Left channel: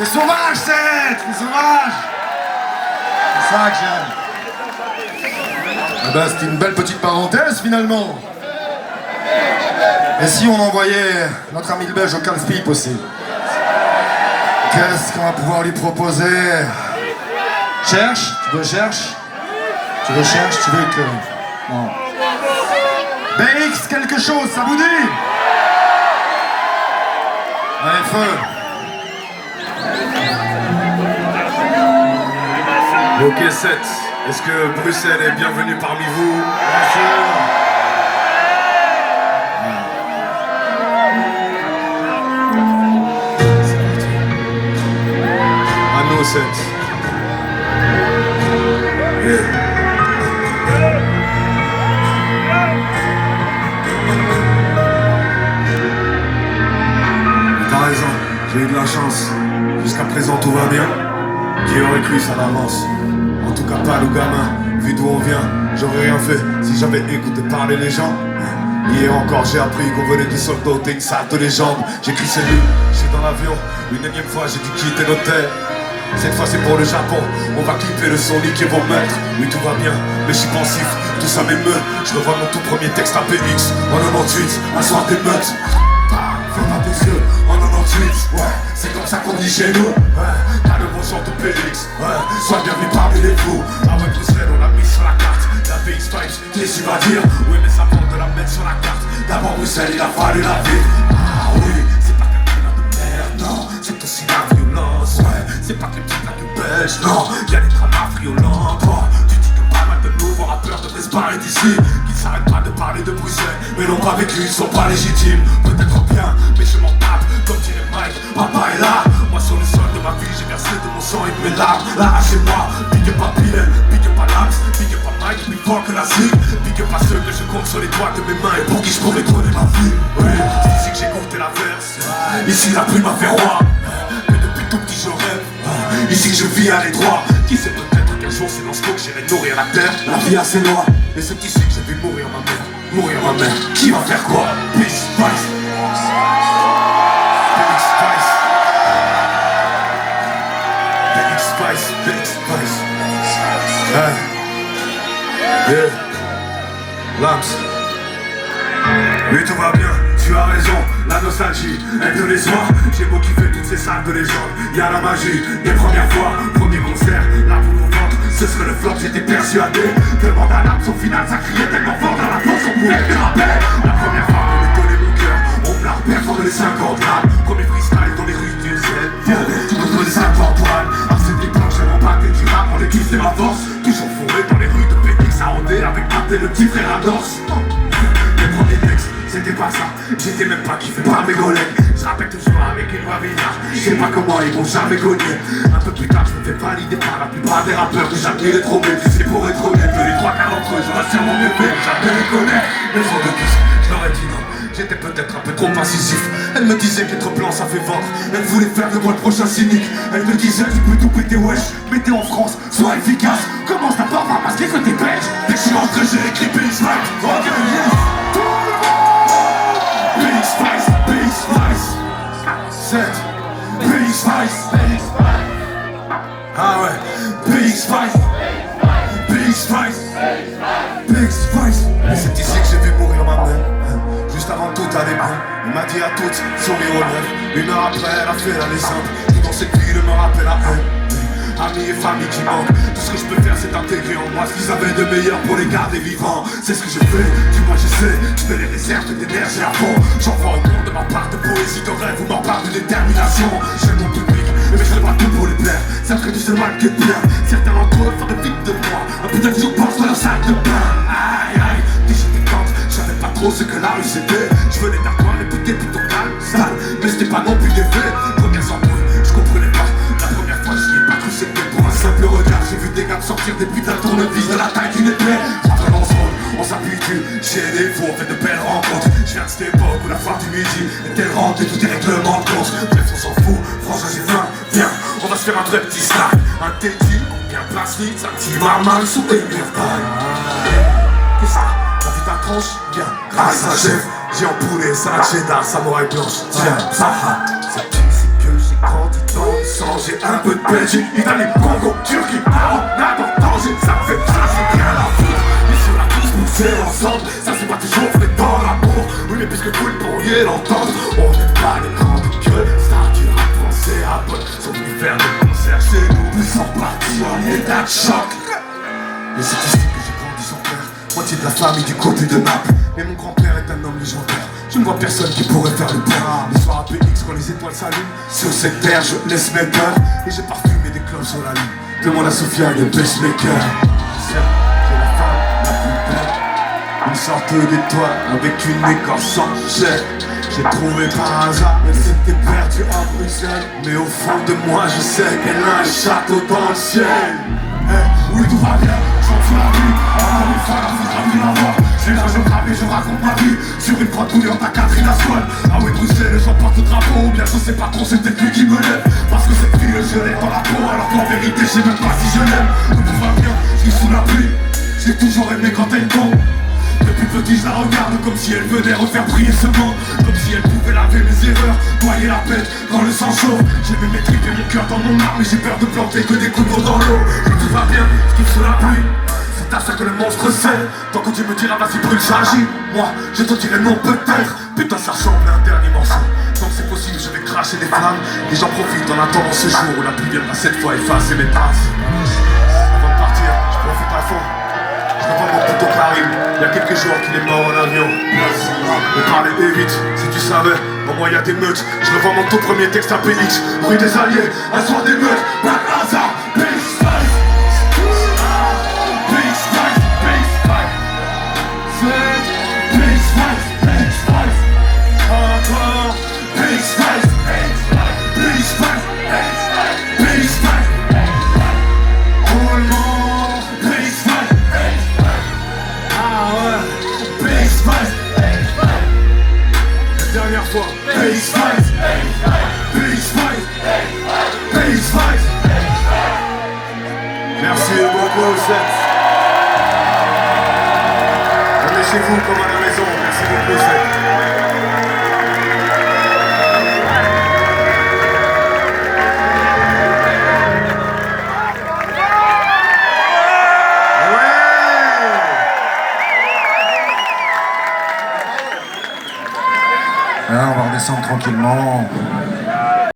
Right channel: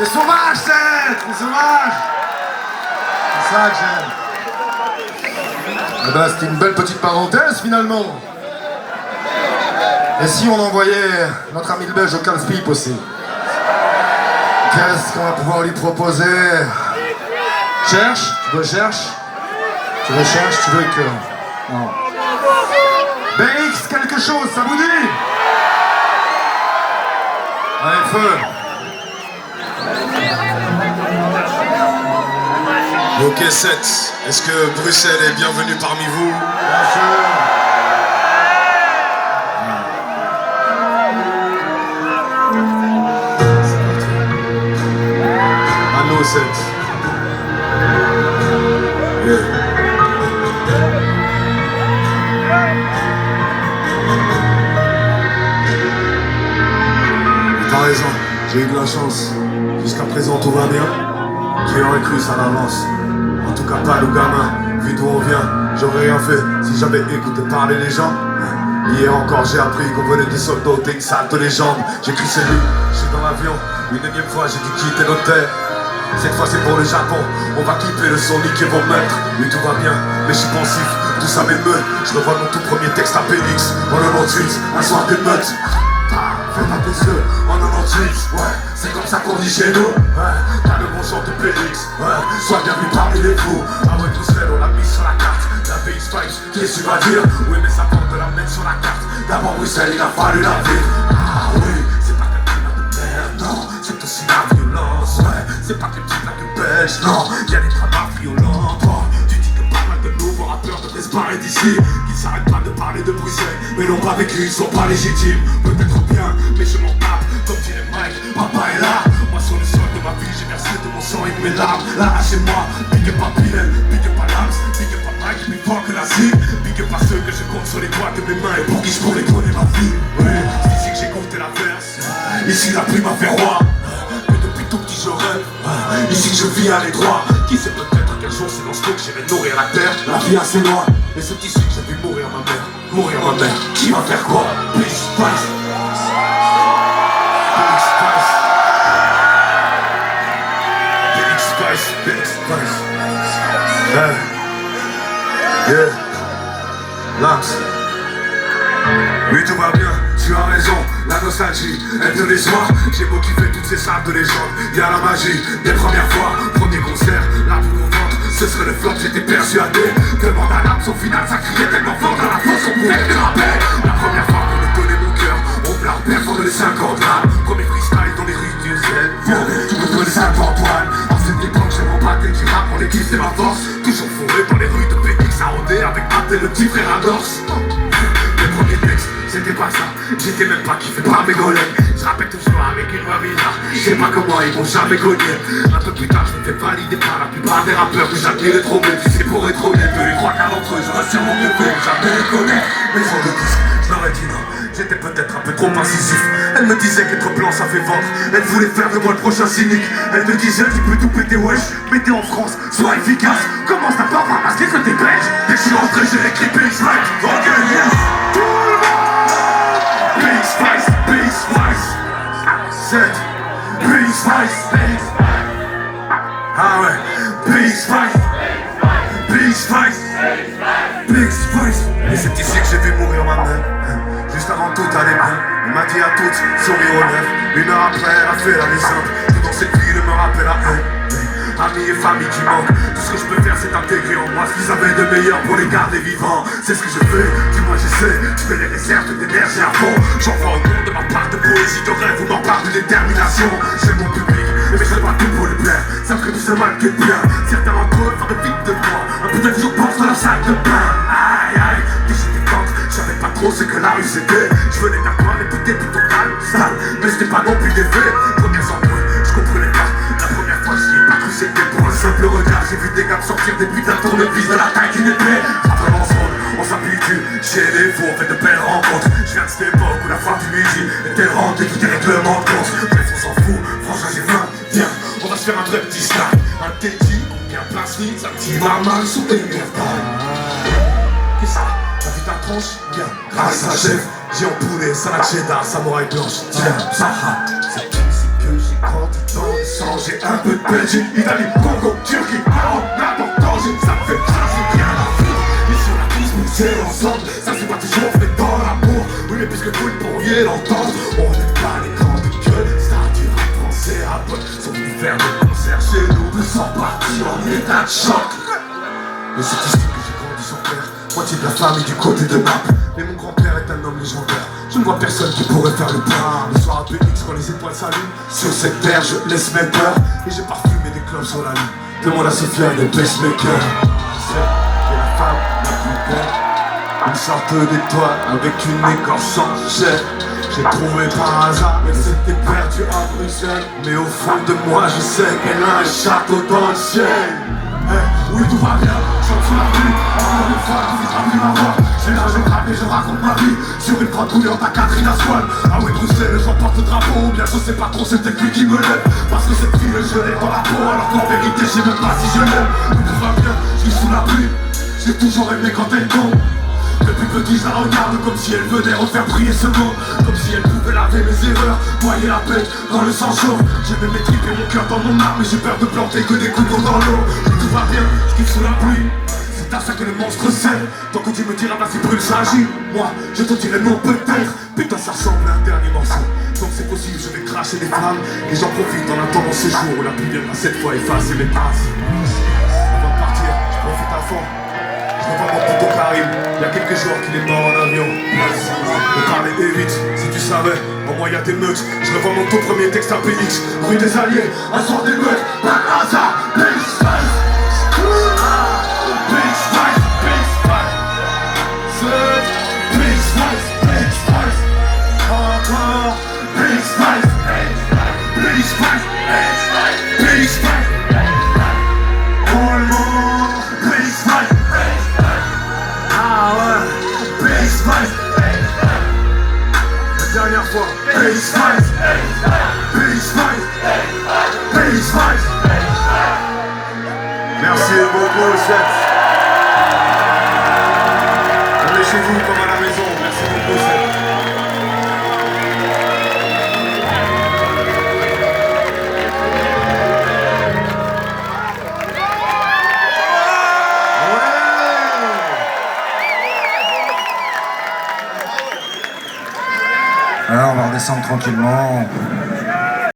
T'es sauvage, Seth! T'es sauvage! C'est ça que j'aime. Eh ben, c'était une belle petite parenthèse, finalement. Et si on envoyait notre ami le belge au casse-pipe aussi? Qu'est-ce qu'on va pouvoir lui proposer? Cherche? Tu veux cherche? Tu veux cherche? Tu veux que... Non. BX quelque chose, ça vous dit? Allez, feu! Ok, Seth, est-ce que Bruxelles est bienvenue parmi vous? Bien sûr! À nous, Seth. Yeah. T'as raison, j'ai eu de la chance. Jusqu'à présent, tout va bien. Qui aurait cru ça l'avance? En tout cas, pas le gamin. Vu d'où on vient, j'aurais rien fait si j'avais écouté parler les gens. Hier encore, j'ai appris qu'on venait du soldat, t'es une salle de légende. J'écris ces lignes, je suis dans l'avion. Une énième fois, j'ai dû quitter nos terres. Cette fois, c'est pour le Japon. On va clipper le son, niquer vos maîtres. Oui, tout va bien, mais je suis pensif. Tout ça m'émeut. Je revois mon tout premier texte à Phoenix. En 98, un soir d'émeute. Fais pas tes yeux en 98, ouais, c'est comme ça qu'on dit chez nous, ouais, t'as le bon genre de Phoenix, ouais, sois bienvenu parmi les fous, avec Bruxelles on l'a mis sur la carte, la VX Stripes, qu'est-ce que tu vas dire, oui mais ça tente de la mettre sur la carte, d'abord Bruxelles il a fallu la ville, ah oui, c'est pas que le climat de merde, non, c'est aussi la violence, ouais, c'est pas que les petits plats de pêche, non, y'a des dramas violents, oh, tu dis que pas mal de nouveaux rappeurs devraient se barrer d'ici, qu'ils s'arrêtent pas de parler de Bruxelles, mais non pas avec lui, ils sont pas légitimes, peut-être bien, mais je m'en tape, comme dirait Mike, papa est là, moi sur le sol de ma vie, j'ai versé de mon sang et de mes larmes, là c'est moi, big up à Pilel, big up à Lams, big up à Mike, plus fort que la cible, big up à ceux que je compte sur les doigts de mes mains et pour qui je pourrais donner ma vie, oui, c'est ici que j'ai goûté la verse, ici la plume m'a fait roi, que depuis tout petit je rêve, ici que je vis à l'étroit, qui sait peut-être qu'un jour c'est dans ce que j'irai nourrir la terre, la vie a ses lois, et c'est ici que j'ai vu mourir ma mère, qui va faire quoi, peace, Christ. Big Spice. Yeah. Lams. Oui, tout va bien, tu as raison. La nostalgie est de les soirs. J'ai motivé toutes ces salles de légende. Y'a la magie des premières fois. Premier concert, là pour mon ventre. Ce serait le flop, j'étais persuadé. Demande à Lams, au final ça criait tellement fort. Dans la force, on pouvait me rappeler. La première fois qu'on me donnait mon cœur, on me l'a repère fort de les 50 grammes. Premier freestyle dans les rues du ciel. Tu me donnes 50 poils. On les kiffe, c'est ma force. Toujours fourré dans les rues de Phoenix à rôder avec Matt et le petit frère Adors. Le premier texte, c'était pas ça. J'étais même pas kiffé par mes collègues. Je rappelle toujours avec une villa. Je sais pas comment ils m'ont jamais connu. Un peu plus tard, je me fais valider par la plupart des rappeurs que j'admirais trop. Même si c'est pour être honnête, de les trois quarts d'entre eux, j'aurais sûrement mieux fait. Jamais les connaître. Mais ils ont de disques, je leur ai dit non. J'étais peut-être un peu trop incisif. Elle me disait qu'être blanc ça fait vendre. Elle voulait faire de moi le prochain cynique. Elle me disait tu peux tout péter wesh. Mais t'es en France, sois efficace. Commence à pas ramasser que t'es belge. Dès que je suis rentré j'ai écrit Big Spice. Ok yes. Tout le monde. Big Spice, Big Spice. 7. Big Spice, Big Spice. Ah ouais. Big Spice. Big Spice. Big Spice. Et c'est ici que j'ai vu mourir ma mère. Juste avant tout allait mal, elle m'a dit à toutes, sourire aux lèvres. Une heure après, elle a fait la descente. Tout dans cette ville me rappelle à elle. Amis et famille qui manquent. Tout ce que je peux faire, c'est intégrer en moi ce qu'ils avaient de meilleur pour les garder vivants. C'est ce que je fais, du moins j'essaie. Je fais les réserves d'énergie à fond. J'envoie au monde de ma part de poésie, de rêve ou ma part de détermination. J'aime mon public, mais je fais pas tout pour le plaire. Sauf que tout ce mal que bien. Certains d'entre eux feraient vite de moi. Un peu de jour pense dans la salle de bain. Aïe aïe, je savais pas trop ce que la rue c'était. Je venais d'un coin réputé plutôt calme, sale, mais c'était pas non plus des faits. Premières embrouilles, je comprenais pas. La première fois j'y ai pas cru, c'était pour un simple regard. J'ai vu des gars sortir des putains de tournevis de la taille d'une épée. Ça vraiment se rôle, on s'habitue. Chez les fous, on fait de belles rencontres. Je viens de cette époque où la fin du midi était rentrée, tout est règlement de compte. Bref on s'en fout, franchement j'ai faim. Viens, on va se faire un vrai petit snack. Un teddy, bien plastique, un petit marmal sous une merde. Qu'est-ce ça? T'as vu ta tranche? Bien, grâce à chef, j'ai empoulé salade cheddar, samouraï blanche. Tiens, ça, c'est que j'ai grandi dans le sang danger. Un peu de Belgique, Italie, Congo, Turquie, Coronado, danger. Ça me fait ça, c'est rien à foutre. Mais sur la piste, nous c'est ensemble. Ça se voit toujours, on est dans l'amour. Oui, mais puisque vous le pourriez l'entendre, on n'est pas des grandes gueules. Ça du rap français à pote. Sont venus faire des concerts chez nous. Plus sans partie en état de choc. Mais c'est ici que j'ai grandi sans père. Moitié de la famille du côté de Naples. Mais mon grand-père est un homme légendaire. Je ne vois personne qui pourrait faire le point. Le soir à PX quand les étoiles s'allument. Sur cette terre je laisse mes peurs. Et j'ai parfumé des clubs sur la lune. Demande à Sophia de pacemaker. C'est la femme la plus belle. Une sorte d'étoile avec une écorce sans chair. J'ai trouvé par hasard, elle s'était perdue à Bruxelles. Mais au fond de moi je sais qu'elle a un château dans le ciel. Oui tout va bien, je chante sous la rue. Encore une fois, la vie n'a rien à voir. J'ai là, je grappe et je raconte ma vie. Sur une croix bouillante à Catherine à Swan. Ah oui Bruxelles, je porte le drapeau. Ou bien je sais pas trop, c'est peut-être lui qui me lève. Parce que cette fille, je l'ai dans la peau. Alors qu'en vérité, je sais même pas si je l'aime. Oui tout va bien, je suis sous la pluie. J'ai toujours aimé quand elle tombe. Depuis petit je la regarde comme si elle venait refaire briller ce monde. Comme si elle pouvait laver mes erreurs, noyer la pète quand le sang chauffe. J'ai mis mes tripes et mon cœur dans mon arme. Et j'ai peur de planter que des coups d'eau dans l'eau. Et tout va bien, je kiffe sous la pluie. C'est à ça que le monstre sait. Tant que tu me diras vas-y brûle ça agit. Moi je te dirai non peut-être. Putain ça ressemble à un dernier morceau. Donc c'est possible je vais cracher des flammes. Et j'en profite en attendant ce jour où la pluie viendra cette fois effacer mes traces. Avant de partir, je profite à fond. Je revois mon poteau Karim, il y a quelques jours qu'il est mort en avion. On parlait vite, si tu savais, en moi il y a des meutes. Je revois mon tout premier texte à PX, rue des Alliés, un soir des meutes, pas de hasard, PX Spice. PX Spice, PX Spice. PX Spice, PX Spice. PX Spice, PX Spice, PX Spice. Dernière fois, PX Spice, PX Spice, PX Spice. Merci beaucoup, Seth. On est chez vous comme à la maison. Merci beaucoup, Seth. Alors, on va redescendre tranquillement.